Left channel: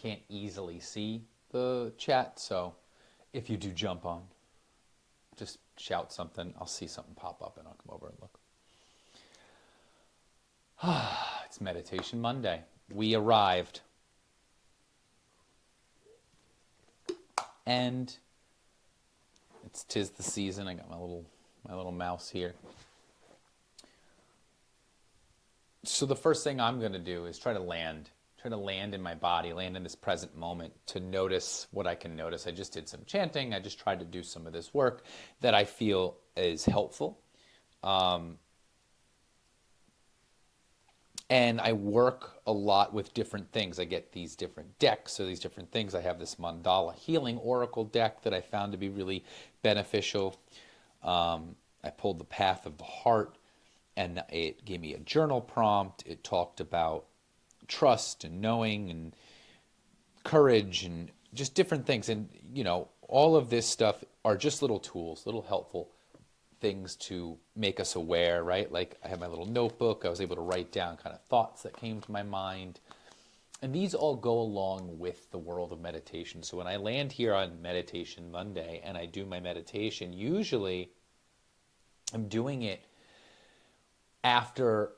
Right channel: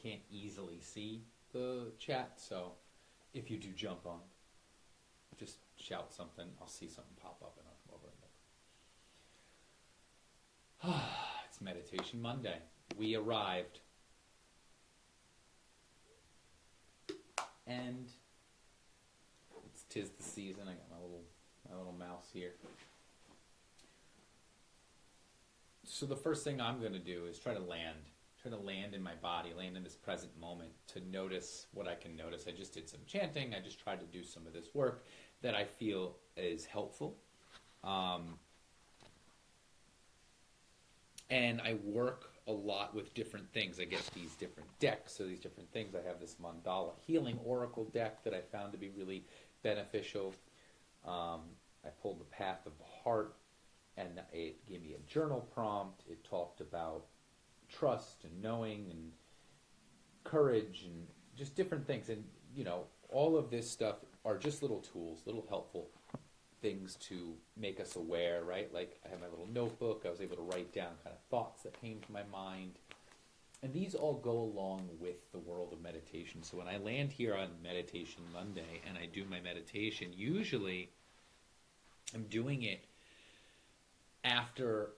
can't easily see the chat, so if you do jump on, just shout something. I'll see something pop up and I'll come over and look. It's Meditation Monday. We arrived. And it's 'tis the season. I got my little mouse here. So the first thing I'm going to do is try to land in my body, land in this present moment, to notice what I can notice. I just did some chanting. I just tried to do some of this work that I feel is helpful. And I work a lot with different things. I get these different decks or these different things. I have this Mandala Healing Oracle deck that I found to be really beneficial. I pulled the Path of the Heart, and it gave me a journal prompt. It talked about trust and knowing and courage and just different things. And, you know, all of this stuff are just little tools, little helpful things to make us aware, right? Like I have my little notebook. I was able to write down kind of thoughts that came to my mind. And these all go along with the world of meditation. So when I land here on Meditation Monday and I do my meditation, usually I'm doing it after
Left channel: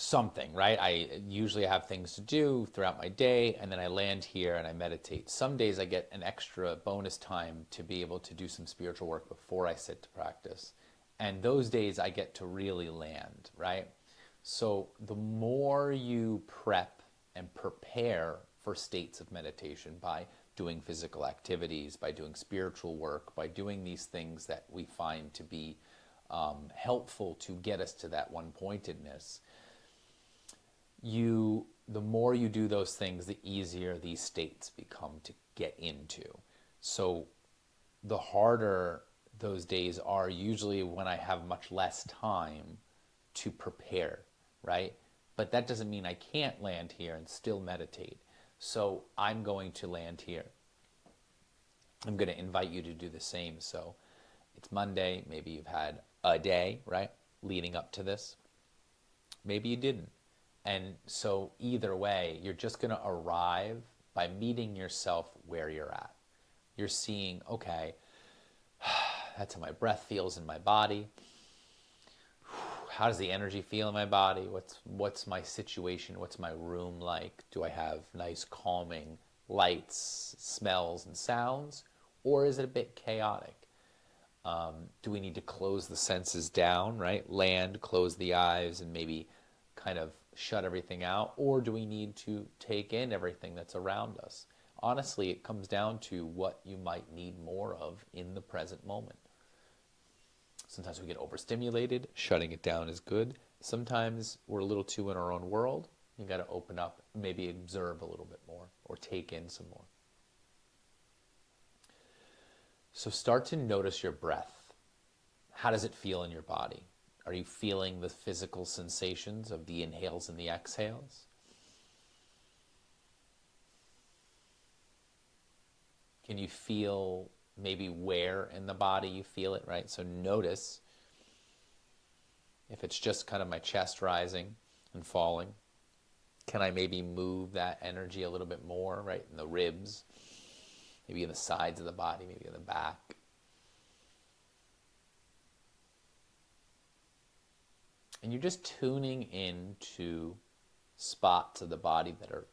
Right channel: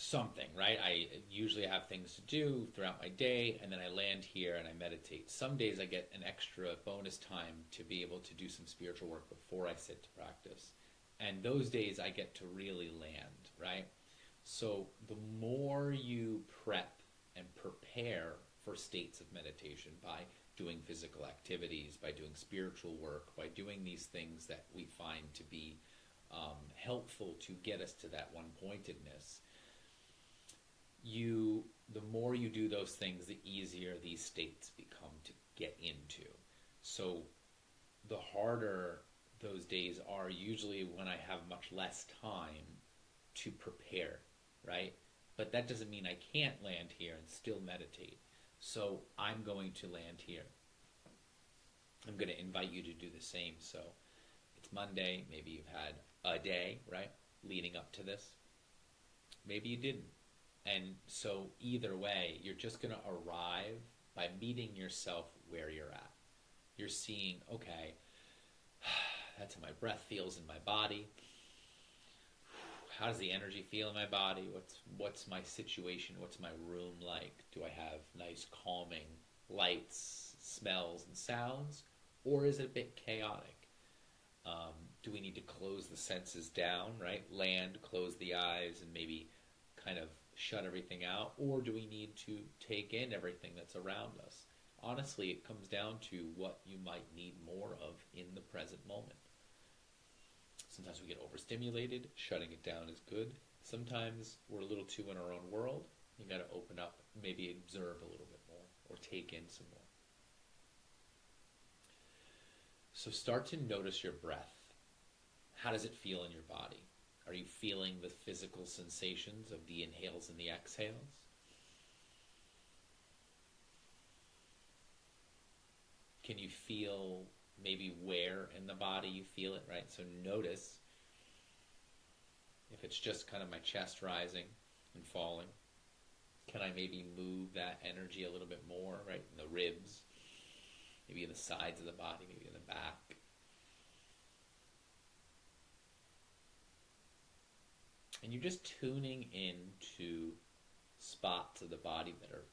something, right? I usually have things to do throughout my day, and then I land here and I meditate. Some days I get an extra bonus time to be able to do some spiritual work before I sit to practice. And those days I get to really land, right? So the more you prep and prepare for states of meditation by doing physical activities, by doing spiritual work, by doing these things that we find to be helpful to get us to that one-pointedness, the more you do those things, the easier these states become to get into. So the harder those days are usually when I have much less time to prepare, right? But that doesn't mean I can't land here and still meditate. So I'm going to land here. I'm going to invite you to do the same. So it's Monday. Maybe you've had a day, right, leading up to this. Maybe you didn't. And so either way, you're just going to arrive by meeting yourself where you're at. You're seeing, okay, that's how my breath feels in my body. How does the energy feel in my body? What's my situation? What's my room like? Do I have nice calming lights, smells, and sounds? Or is it a bit chaotic? Do we need to close the senses down, right? Land, close the eyes, and maybe kind of shut everything out? Or do we need to take in everything that's around us? Honestly, it comes down to what you might need more of in the present moment. Sometimes we get overstimulated. Shutting it down is good. Sometimes we're a little too in our own world. You got to open up, maybe observe a little bit more or take in some more. So start to notice your breath. How does it feel in your body? Are you feeling the physical sensations of the inhales and the exhales? Can you feel maybe where in the body you feel it, right? So notice if it's just kind of my chest rising and falling. Can I maybe move that energy a little bit more, right? In the ribs, maybe in the sides of the body, maybe in the back. And you're just tuning into spots of the body that are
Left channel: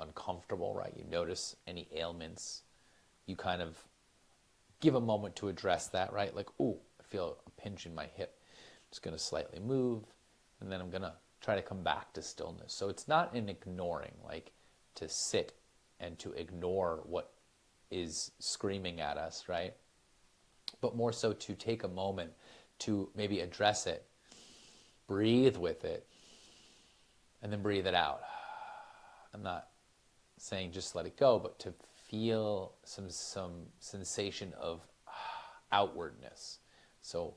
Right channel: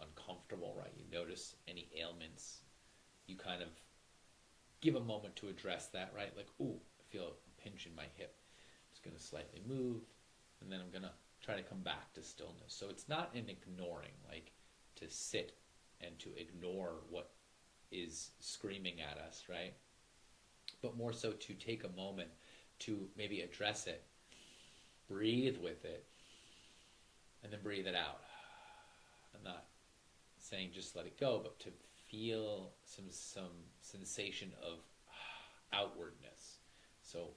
uncomfortable, right? You notice any ailments. You kind of give a moment to address that, right? Like, ooh, I feel a pinch in my hip. I'm just going to slightly move, and then I'm going to try to come back to stillness. So it's not an ignoring, like to sit and to ignore what is screaming at us, right? But more so to take a moment to maybe address it, breathe with it, and then breathe it out. I'm not saying just let it go, but to feel some sensation of outwardness. So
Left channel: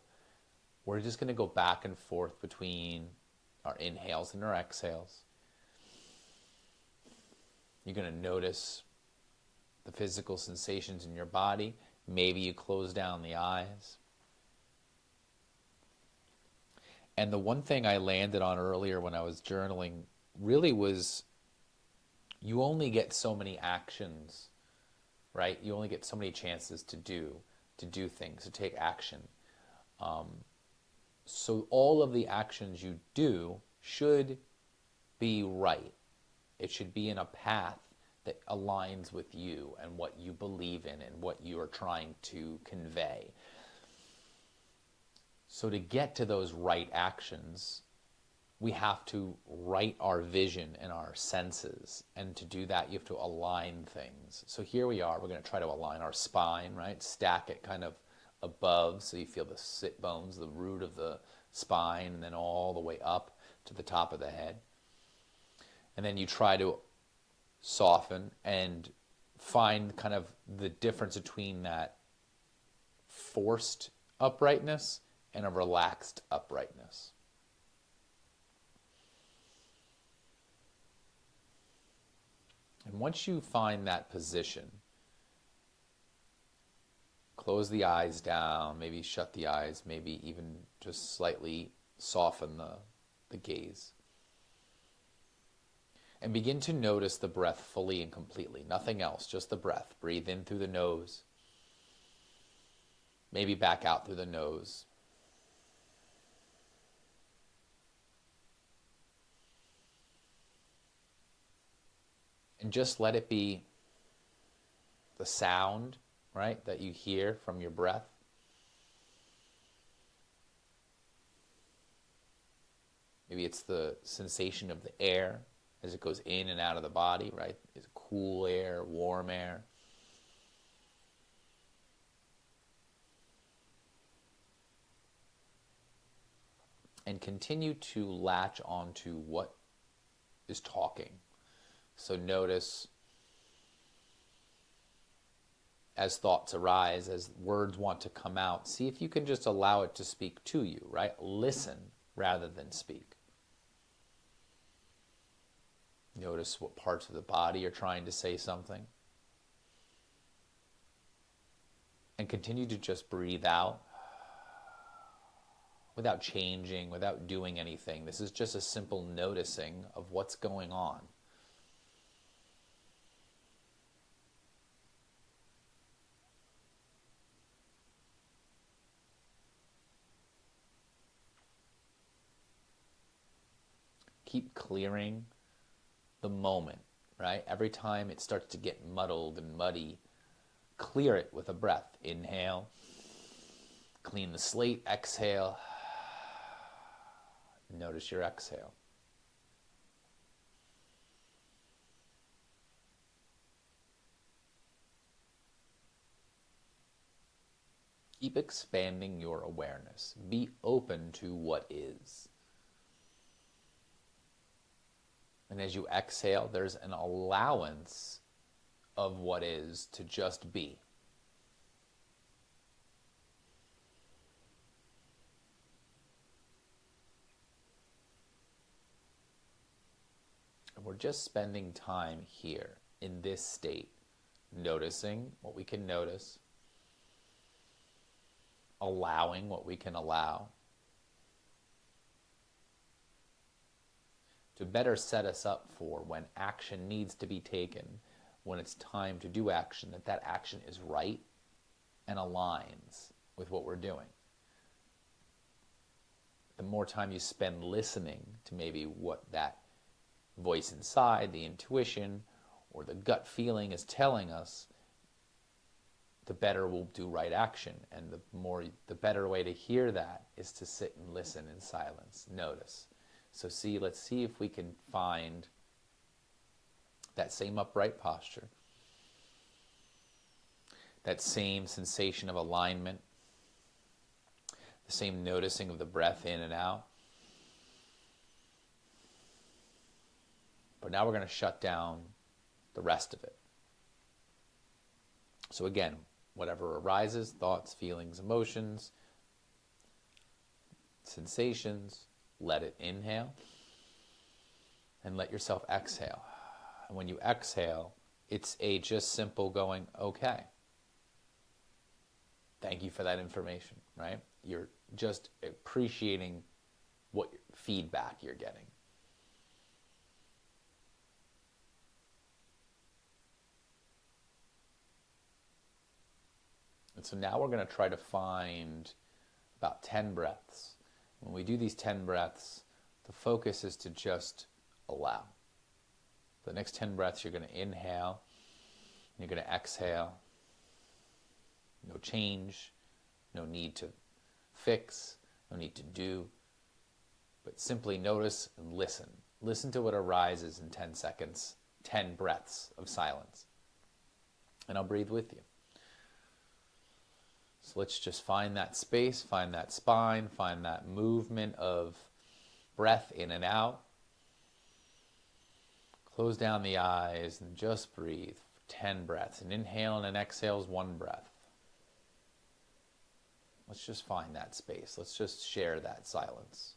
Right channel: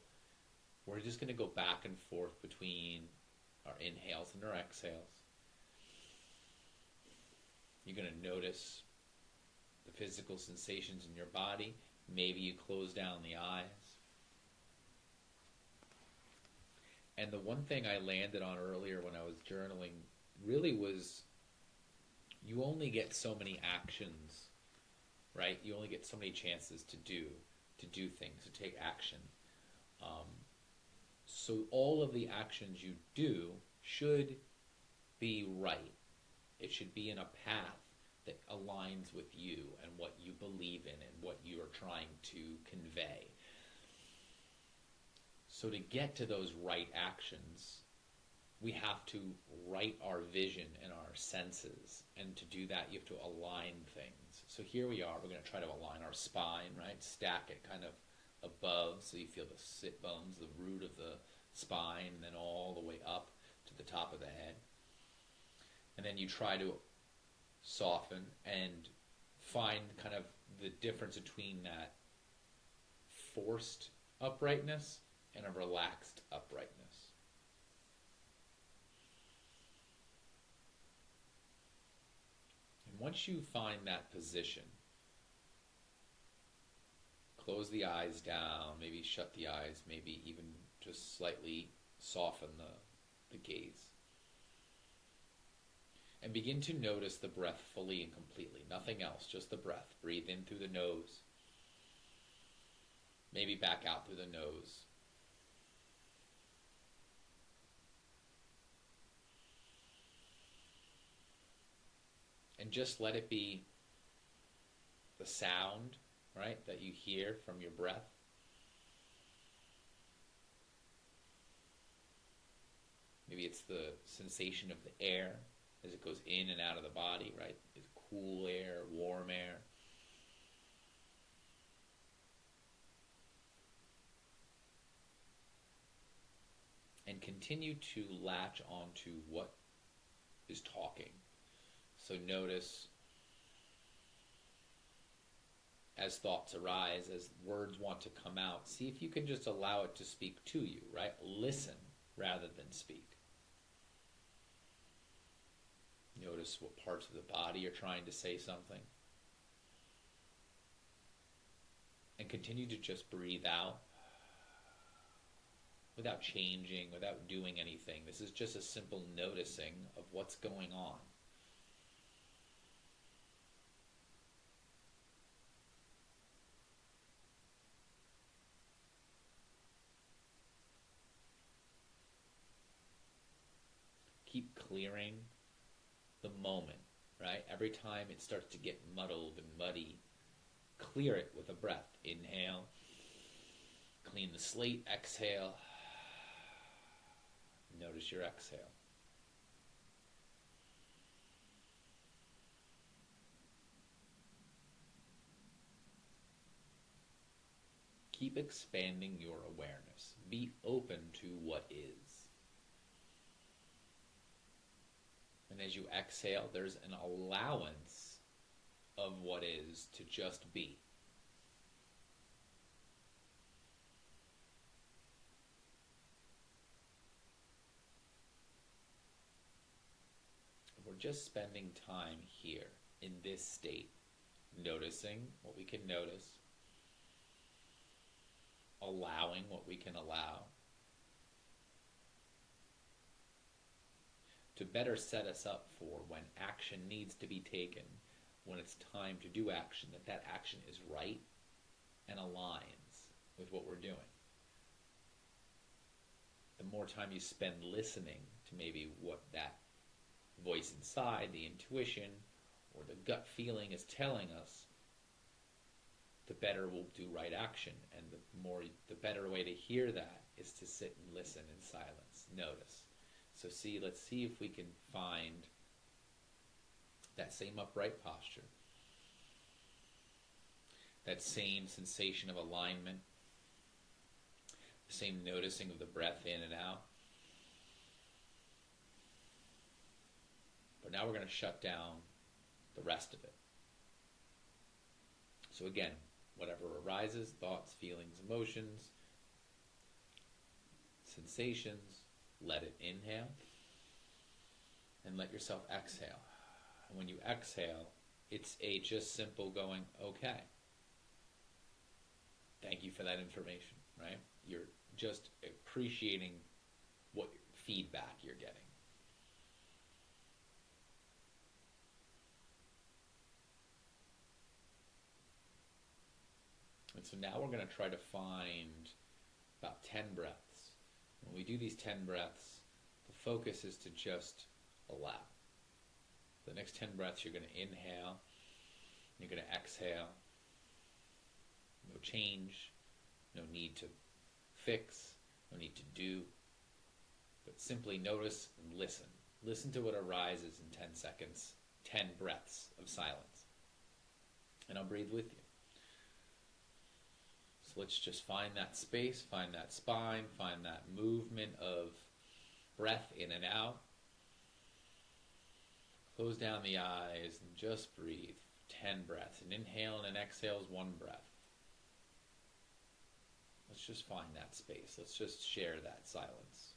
we're just going to go back and forth between our inhales and our exhales. You're going to notice the physical sensations in your body. Maybe you close down the eyes. And the one thing I landed on earlier when I was journaling really was You only get so many actions, right? You only get so many chances to do things, to take action. So all of the actions you do should be right. It should be in a path that aligns with you and what you believe in and what you are trying to convey. So to get to those right actions, we have to right our vision and our senses. And to do that, you have to align things. So here we are. We're going to try to align our spine, right? Stack it kind of above so you feel the sit bones, the root of the spine, and then all the way up to the top of the head. And then you try to soften and find kind of the difference between that forced uprightness and a relaxed uprightness. And once you find that position, close the eyes down, maybe shut the eyes, maybe even just slightly soften the gaze. And begin to notice the breath fully and completely. Nothing else, just the breath. Breathe in through the nose. Maybe back out through the nose. And just let it be the sound, right, that you hear from your breath. Maybe it's the sensation of the air as it goes in and out of the body, right? It's cool air, warm air. And continue to latch onto what is talking. So notice as thoughts arise, as words want to come out, see if you can just allow it to speak to you, right? Listen rather than speak. Notice what parts of the body are trying to say something. And continue to just breathe out without changing, without doing anything. This is just a simple noticing of what's going on. Keep clearing the moment, right? Every time it starts to get muddled and muddy, clear it with a breath. Inhale, clean the slate, exhale. Notice your exhale. Keep expanding your awareness. Be open to what is. And as you exhale, there's an allowance of what is to just be. And we're just spending time here in this state, noticing what we can notice, allowing what we can allow, to better set us up for when action needs to be taken, when it's time to do action, that action is right and aligns with what we're doing. The more time you spend listening to maybe what that voice inside, the intuition, or the gut feeling is telling us, the better we'll do right action. And the better way to hear that is to sit and listen in silence, notice. So let's see if we can find that same upright posture, that same sensation of alignment, the same noticing of the breath in and out. But now we're going to shut down the rest of it. So again, whatever arises, thoughts, feelings, emotions, sensations, let it inhale and let yourself exhale. And when you exhale, it's a just simple going, okay. Thank you for that information, right? You're just appreciating what feedback you're getting. And so now we're going to try to find about 10 breaths. When we do these 10 breaths, the focus is to just allow. The next 10 breaths, you're going to inhale, and you're going to exhale. No change, no need to fix, no need to do, but simply notice and listen. Listen to what arises in 10 seconds, 10 breaths of silence. And I'll breathe with you. So let's just find that space, find that spine, find that movement of breath in and out. Close down the eyes and just breathe for 10 breaths. An inhale and an exhale is 1 breath. Let's just find that space. Let's just share that silence.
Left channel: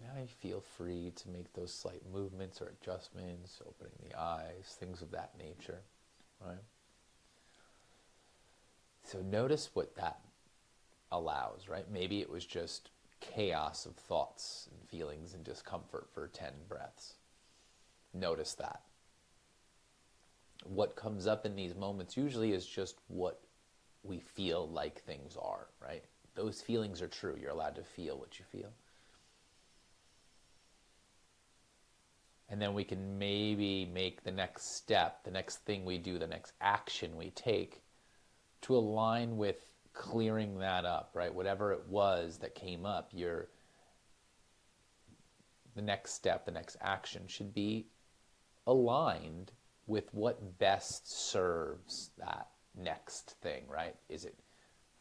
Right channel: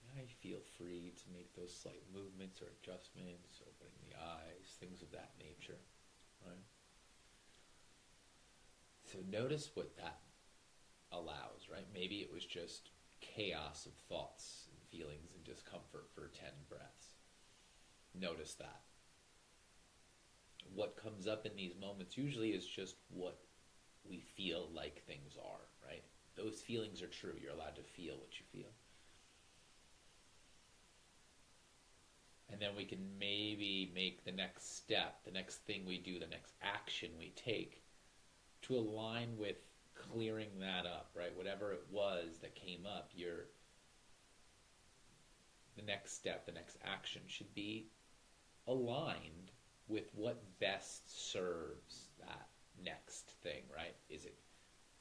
Now you feel free to make those slight movements or adjustments, opening the eyes, things of that nature, right? So notice what that allows, right? Maybe it was just chaos of thoughts and feelings and discomfort for 10 breaths. Notice that. What comes up in these moments usually is just what we feel like things are, right? Those feelings are true. You're allowed to feel what you feel. And then we can maybe make the next step, the next thing we do, the next action we take to align with clearing that up, right? Whatever it was that came up, the next step, the next action should be aligned with what best serves that next thing, right? Is it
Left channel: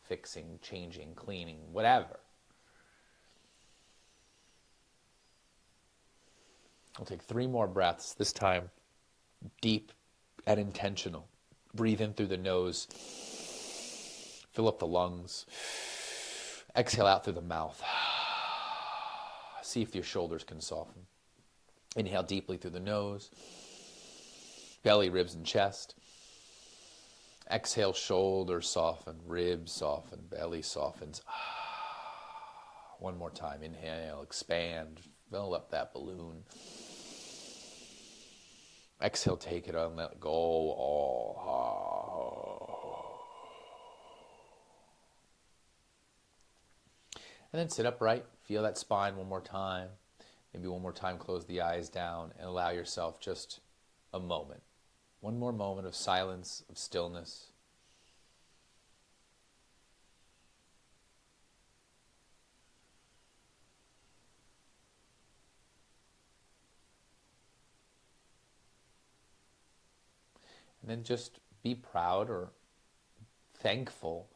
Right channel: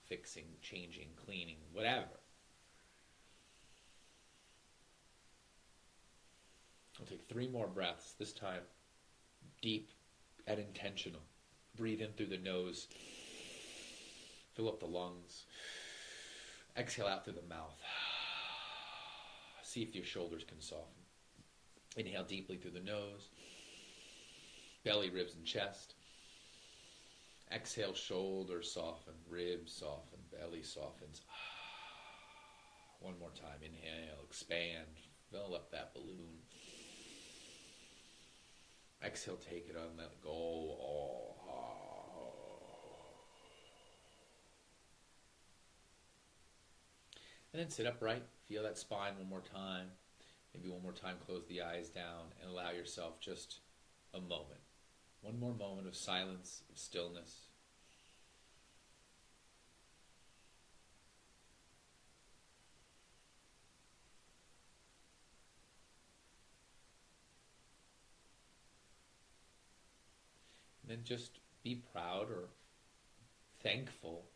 fixing, changing, cleaning, whatever? We'll take 3 more breaths, this time deep and intentional. Breathe in through the nose. Fill up the lungs. Exhale out through the mouth. See if your shoulders can soften. Inhale deeply through the nose. Belly, ribs, and chest. Exhale, shoulders soften, ribs soften, belly softens. One more time. Inhale, expand, fill up that balloon. Exhale, take it on, let go. And then sit upright. Feel that spine one more time. Maybe one more time, close the eyes down and allow yourself just a moment. One more moment of silence, of stillness. And then just be proud or thankful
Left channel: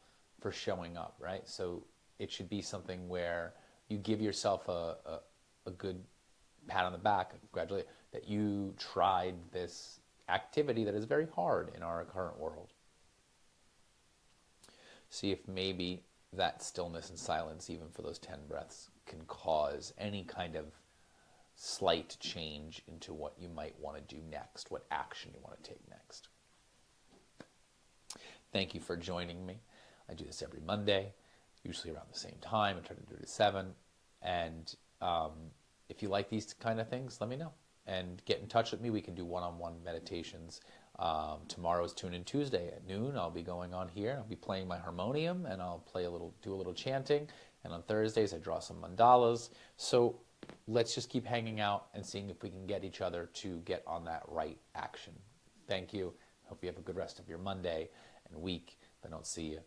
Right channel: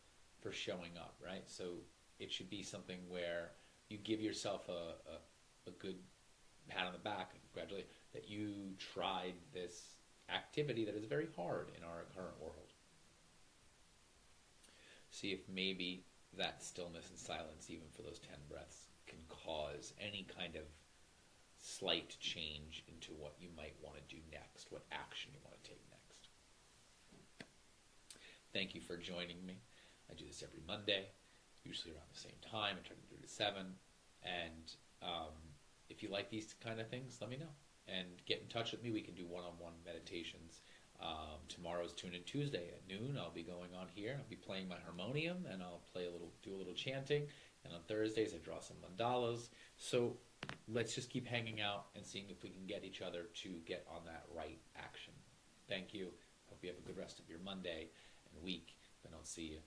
for showing up, right? So it should be something where you give yourself a good pat on the back, congratulate, that you tried this activity that is very hard in our current world. See if maybe that stillness and silence, even for those 10 breaths, can cause any kind of slight change into what you might want to do next, what action you want to take next. Thank you for joining me. I do this every Monday. usually around the same time. I try to do it at 7. And if you like these kind of things, let me know. And get in touch with me. We can do one-on-one meditations. Tomorrow's Tune In Tuesday at noon. I'll be going on here. I'll be playing my harmonium, and I'll do a little chanting. And on Thursdays, I draw some mandalas. So let's just keep hanging out and seeing if we can get each other to get on that right action. Thank you. Hope you have a good rest of your Monday and week. If I don't see you,